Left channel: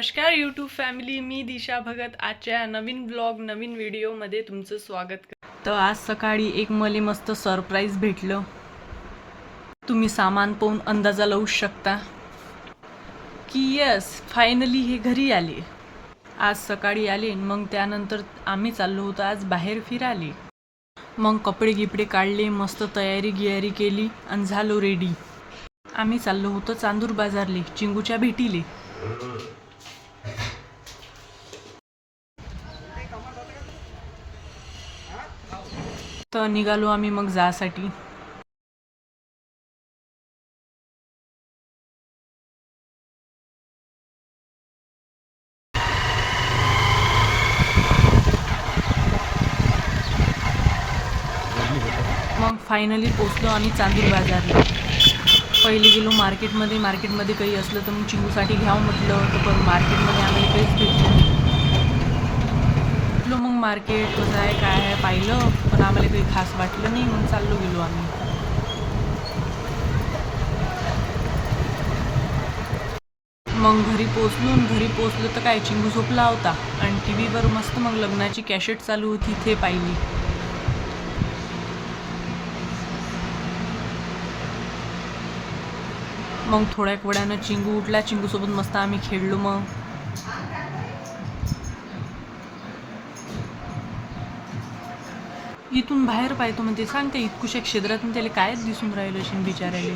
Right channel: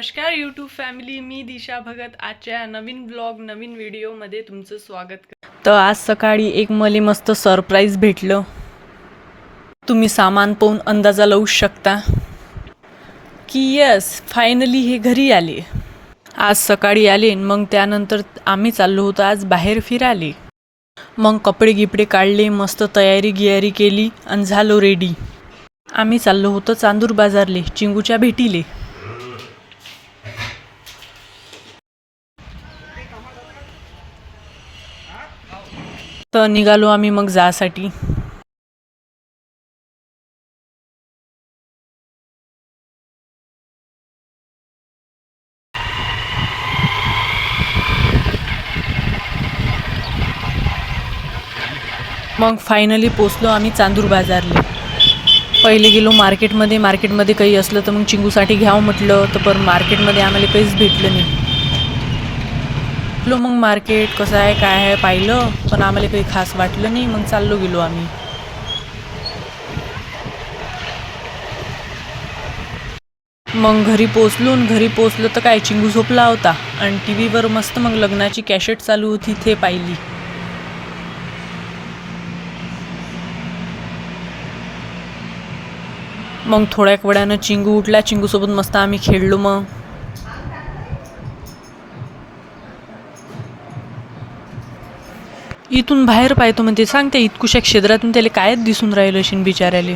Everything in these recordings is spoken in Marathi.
नमस्कार यूट्यूब फॅमिली मी दिशा भगत. आजच्या नवीन ब्लॉग नवीन व्हिडिओमध्ये तुमचं स्वागत कर तर आज सकाळी एक मले मस्त सरप्राईज भेटलं. तुम्ही सामान पाहून अंदाजा लावू शकता. की यस फायनली हे घरी आले. आज सकाळी आले मग त्यानंतर आम्ही चाललो होतो आज बाहेर फिराले मग कपडे गिपडे काढले मस्त तयारी गियारी केली आणि झालो रेडी आम्ही चाललो होतो चांदूर बाजारले चिंगूच्या भेटीले. तर निघालो आम्ही मग जासाठी. मग फायनली पोचलो आम्ही चांदूर बाजारला. पहिले गेलो मार्केटमध्ये मार्केटमध्ये काही असलं तर मग चिंगूसाठी घ्यावं म्हटलं तर पण मार्केटमध्ये आम्हाला काहीच भेटलं नाही. म्हटलं मग मार्केट कसं आहे काय आहे पाहिलं पण आम्हाला काही खास वाटलं नाही मग चाललो गेलो आम्ही. मग घरी पोचलो आणि घरी पोचलो तर काय चिंगू झोपला होता. आणि टी व्हीवर मस्त मग लग्नाची कॅशेट चालू होती ते पाहिली. मग थोड्या वेळानं चिंगू उठला चिंगूसोबत मस्त आम्ही खेळलो मग. इथून बाहेर पाहतो म्हणते सांग त्या इतकुशा क्षेत्रातून त्याला कायच दिसून राहिलं असेल बिचाऱ्याले.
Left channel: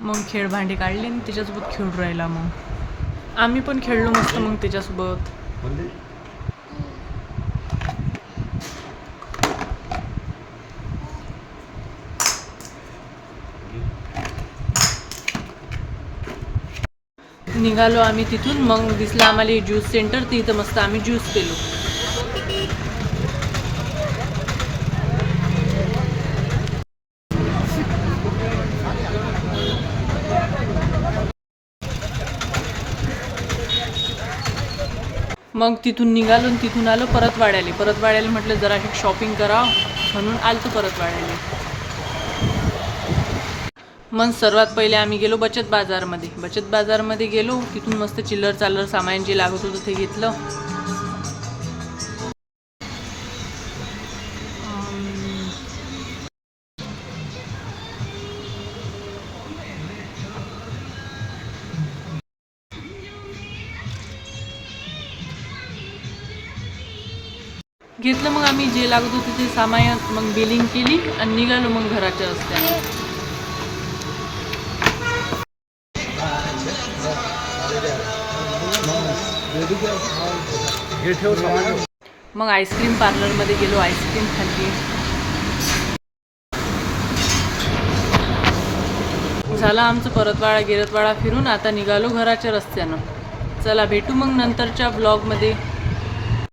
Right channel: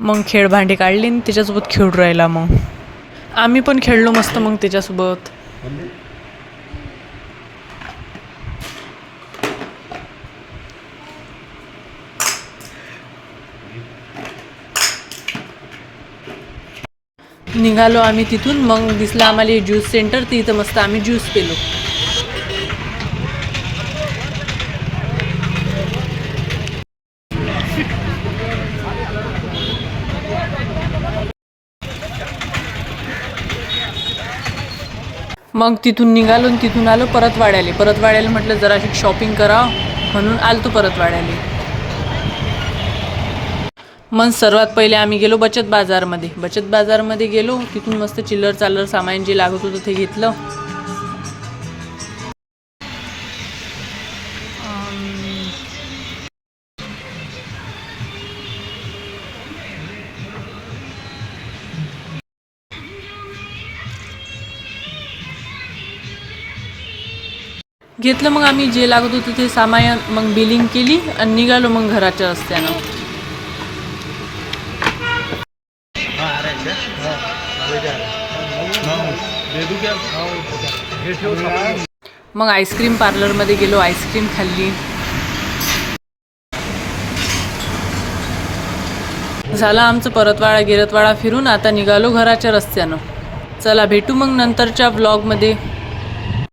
मग खेळ भांडे काढले आणि त्याच्यासोबत खेळून राहिला मग. आम्ही पण खेळलो मस्त मग त्याच्यासोबत. निघालो आम्ही तिथून मग दिसलं आम्हाला ज्यूस सेंटर तिथं मस्त आम्ही ज्यूस पिलो. मग तिथून निघालो आणि तिथून आलो परत वाड्याले परत वाड्याला म्हटलं जराशी शॉपिंग करा. म्हणून आलतो परत वाड्याले मग सर्वात पहिले आम्ही गेलो बचत बाजारमध्ये. बचत बाजारमध्ये गेलो. तिथून मस्त चिल्लर चालर सामान जे लागत होतं ते घेतलं. घेतलं मग आम्ही जे लागत होतं ते सामान मग बिलिंग केली आणि निघालो मग घराच्या रस्त्यानं. मग आईस्क्रीम पार्लरमध्ये गेलो आईस्क्रीम खाल्ली. झाला आमचं परतवाडा गिरतवाडा फिरून आता निघालो घराच्या रस्त्यानं. चला भेटू मग नंतरच्या ब्लॉगमध्ये